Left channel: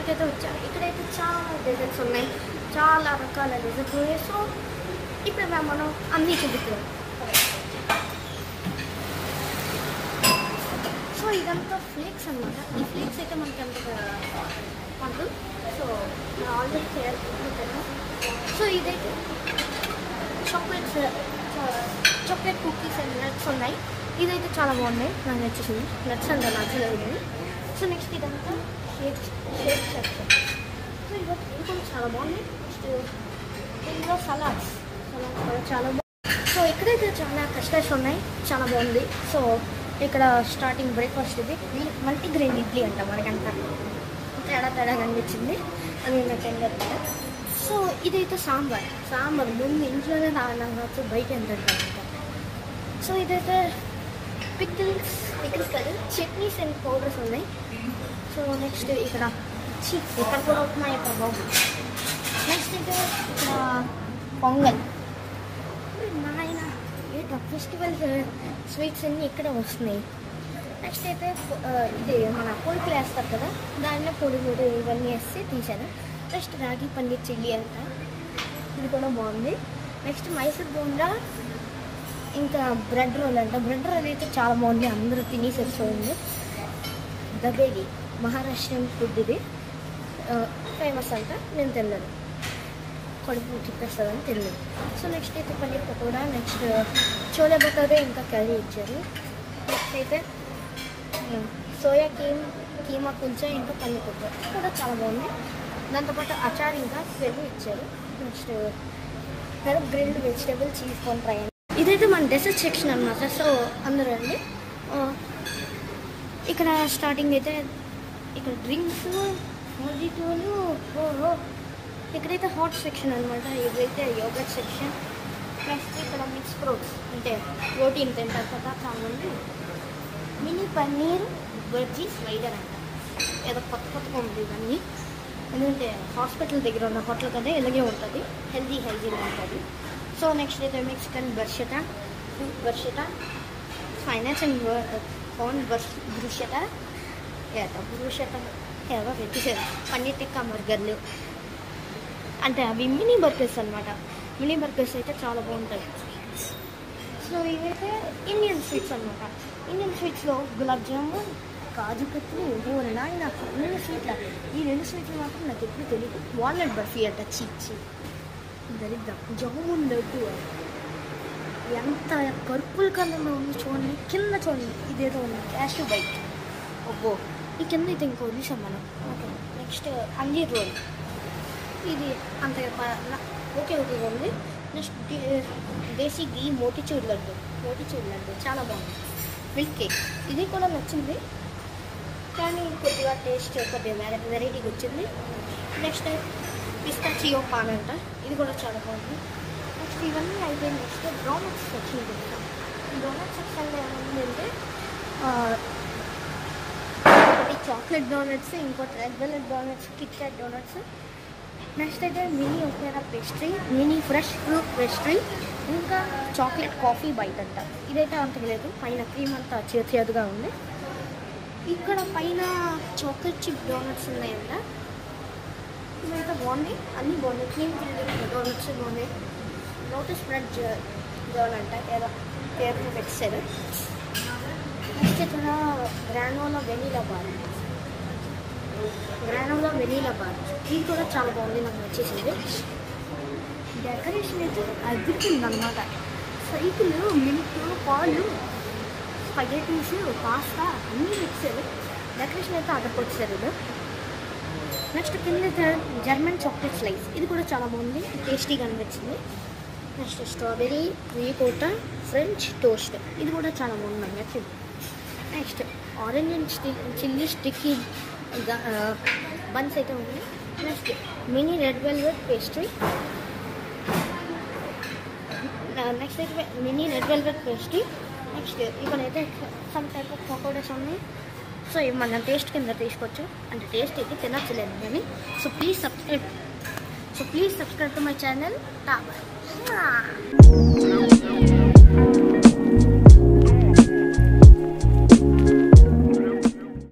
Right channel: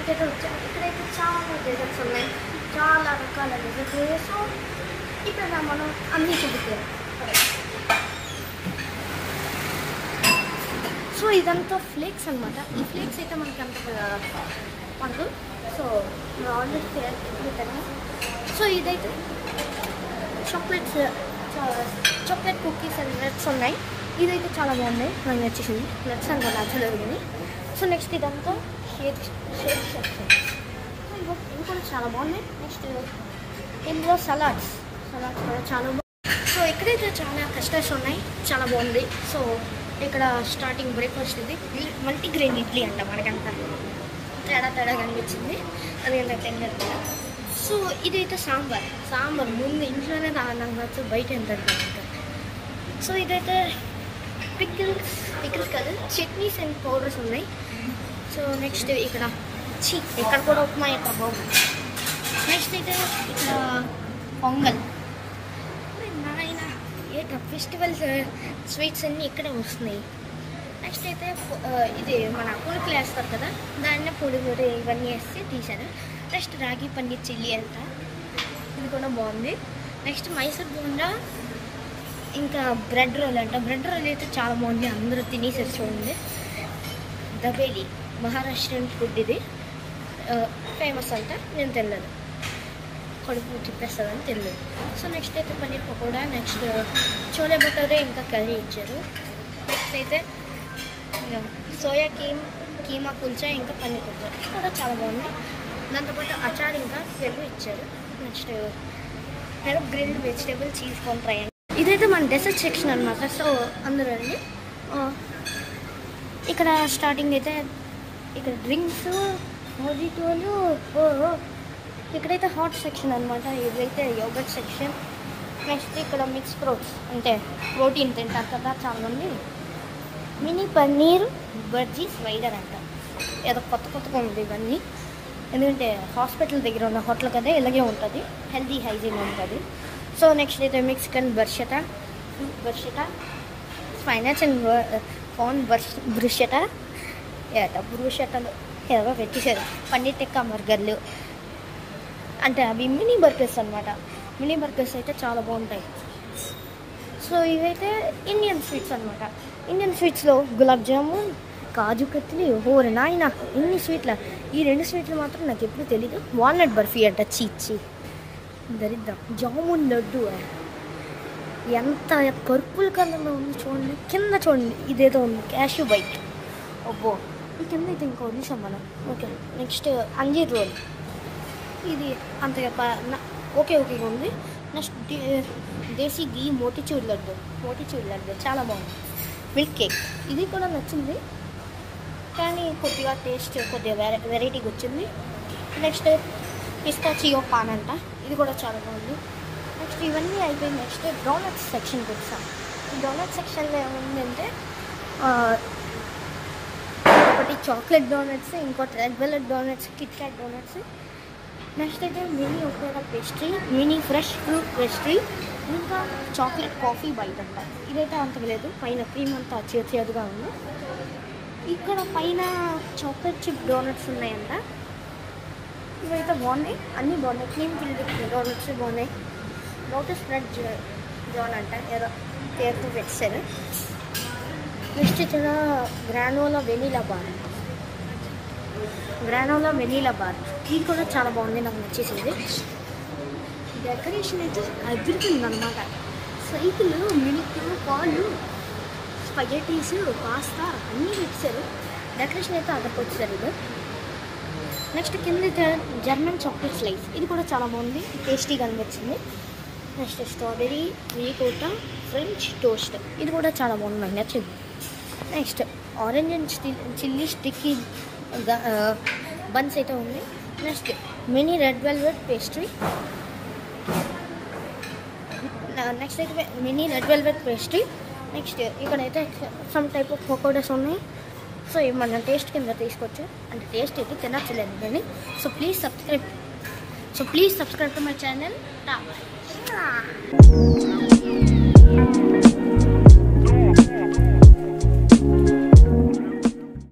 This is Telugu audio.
ఇక్కడికైతే వచ్చాము. ఇక్కడైతే చాలా డెజర్ట్స్ ఉన్నాయి, చాలా రకాల డెజర్ట్స్. సో ఇప్పుడు మనం అన్నీ చూపుతాం. సో ఇదంతా ఫ్లేక్స్ అనమాట. ఈ ఫ్లేక్స్ అయితే మనకి అంత మనకు సో మీరు ఆల్రెడీ చూపుతాను. సో ఇదైతే చాక్లెట్ కుకీస్ అండ్ నట్స్ ఉన్నాయి. ఇదైతే చాలా బాగున్నాయి, నాకు నచ్చేసింది. నట్స్ అంతా నచ్చలేదు కానీ. సో నెక్స్ట్ ఇదంతా షేక్ సెక్షన్. సో ఇది కూడా చాలా బాగున్నాయి. నెక్స్ట్ ఇందులో సలాడ్స్ కూడా చాలా బాగుంది. సో ఇక్కడైతే చాలా కస్టర్డ్స్ ఉన్నాయి, చాలా బాగుంది. సో ఇక్కడ స్టార్టింగ్ బ్రేక్ఫాస్ట్ ఇది మల్టీగ్రెయిన్ ఇడ్లీ అంట. మనకంతా తేడా కనిపించింది, అది టెండర్. సో ఇదైతే సాంబార్ ముందు ఇంట్లోనే నాకు నచ్చు, బయట ఎంత ఇంకా. సో ఇదైతే పికిల్స్ కాదు, చట్నీస్ అండ్ పౌడర్స్ ఉన్నాయి. సో నెక్స్ట్ ఇక్కడ కూడా ఉప్మా యొక్క బాబు. నెక్స్ట్ అయితే ఇక్కడ పొంగల్. నాయన ఏంట ఫెస్టివల్స్ స్వీట్స్ అన్నీ ఇక్కడే వస్తున్నాయి. నెక్స్ట్ అయితే ఇది మన పులుకులు వేస్తారు కదా, దాన్నే పొడి ఇవన్నీ వేసి తీశారు. నెక్స్ట్ రాగి పన్నీర్ చిల్లీ అంట, ఇది కూడా బాగుంది. నెక్స్ట్ మైసూర్ బోండా, ఇంకా బ్రెడ్ రోల్ అంట. బ్రెడ్ రోల్ అయితే చాలా బాగుంది, అందరూ తినేసేసి చూడండి. దబేలి మహారాష్ట్రన్ ఫుడ్, ఇది ఫేమస్ అంట. నేను తిన్నాను, కడుపు తిప్పేస్తుందని తిన్నాను. సో నెక్స్ట్ అయితే పన్నీర్ పకోడా, నెక్స్ట్ చోలే భటూరే, ఇంకా కర్రీ ఇచ్చారు. నెక్స్ట్ అయితే సోయా కీమా కుల్చా, ఇంకా పన్నీర్ పకోడా కూడా చాలా బాగుంది. దాంతోపాటు అచార్ ఇంకా పెరుగు ఇచ్చారు. Next grilled vegetable cheese corn fry. ఇదైతే మన డెసర్ట్ సెక్షన్ అనమాట. సో అందరూ అండి ఇక్కడ స్టార్టింగ్ అయితే ఇక్కడ డ్రింక్స్, మొజిటోలు. ఇక్కడైతే హాట్ సెక్షన్ అనమాట. ఇదైతే యోగర్ట్ సెక్షన్. నెక్స్ట్ ఇక్కడ మిక్స్ ఫ్రూట్స్, అంటే ప్రోటీన్ తింటారు కదా చాలా ఉంది. మినీ పన్నీర్ బజ్జీ స్వైడర్ అంట. ఏదో కొత్తగా ఉంది ఇవన్నీ, ఎందుకంటే హాస్పిటల్ దగ్గర ఉన్న హోటల్ కదా, ఇలాగే ఉంటుంది, హెల్దీ హైజీన్ ఉంటుంది. సో నెక్స్ట్ అయితే మెక్సికన్ బర్షట, స్పైనాచ్ అండ్ కార్న్ బ్రుషట ఏదో పెట్టేశారు. పన్నీర్ టిక్కా బర్గర్లు అంటే అవి మినీ బర్గర్స్ అనమాట. మినీ బర్గర్స్ అయితే చాలా బాగుంటాయి. సో ఇవైతే ఇండియన్ స్వీట్స్ అనమాట. ఇండియన్ స్వీట్స్లో గులాబ్ జామున్, కాజు కత్లీ, నాయన ఇన్ని స్వీట్లు. ఈ 2 స్వీట్లు మాత్రం నాకు ఎప్పుడు తెలియదు. వాల్నట్ బర్ఫీ అంట, చీచి దరిద్రం. జామున్ లడ్డు ఎంత పర్పుల్ కలర్లో ఉంది చూడండి. కింద చూడండి, ఇదేదో ఉంది క్యాష్యూ బైట్. అబ్బో, ఈ కింద అయితే ఇంకో వదిలేసాం మనం. Okay, next anjeer roll. ఇది అంతగా ఓకే ఉంది. నెక్స్ట్ దేశీ గీ మోటిచూర్ లడ్డు చాలా బాగుంది. మిల్క్ కేక్, ఇది కూడా నచ్చింది కానీ కొద్దిగా టేస్ట్ కొద్దిగా వెరైటీగా వచ్చింది. నెక్స్ట్ పిస్తాచియో పాన్ అంట, ఇది కూడా చాలా బాగుంది. నెక్స్ట్ ఇవన్నీ అయితే నెక్స్ట్ డోనట్స్ సెక్షన్ తెచ్చాను. ఈ డోనట్ సెక్షన్లో ఏముందంటే ఒకటి చాక్లెట్ డోనట్స్, ఇంకోటి red velvet donuts, Kit Kat donuts. Next అయితే mini opera pastry, mini fresh fruit pastry, ఇంకా చాక్లెట్ కాఫీ బైట్ అంట. ఇదైతే అంతకు లేదు, పైన క్రీమ్ అంతా చేదుగా ఉంది. ఇక్కడ పైన చాక్లెట్ చిప్ డోనట్స్ ఉన్నాయంట. ఇవైతే బాగున్నాయి, అన్నీ బాగున్నాయి. క్రీమ్ డోనట్స్ బాగున్నాయి. లోటస్ బ్రెడ్ జోన్ అంట, ఏదో పేరు పెట్టారు. నెక్స్ట్ ఇక్కడ గ్రానోలా వెనీలా బార్, ఇది కూడా చాలా బాగుంది, నాకు నచ్చేసింది. డెకరేషన్ అయితే అదిరిపోయింది అనమాట. సైకిల్, మిల్క్, పాలు, స్పగెటీస్, పాస్తా అన్నీ తెచ్చారు. డెకరేషన్ అయితే అదర్కొచ్చారు ఇది. నెక్స్ట్ కింద జర్మన్ చాక్లెట్ స్లైస్, ఇది కూడా చాలా బాగుంది, టేస్టీగా అనిపించింది. Next strawberry ricotta French toast, ఇది కూడా చాలా బాగుంది, నాకు నచ్చింది. Next orange and chilli sticky buns అయితే ఉంది. Next mini red velvet pastry, next అయితే mini red velvet pastry. Next ఇక్కడైతే సమ్ టైప్ ఆఫ్ పకోడాస్ ఉన్నాయి. సో ఇవి మన టేస్ట్ కింద తీసుకోవచ్చు, అంటే టేస్ట్ అయితే తినచ్చలేదు కానీ. So please subscribe to my channel.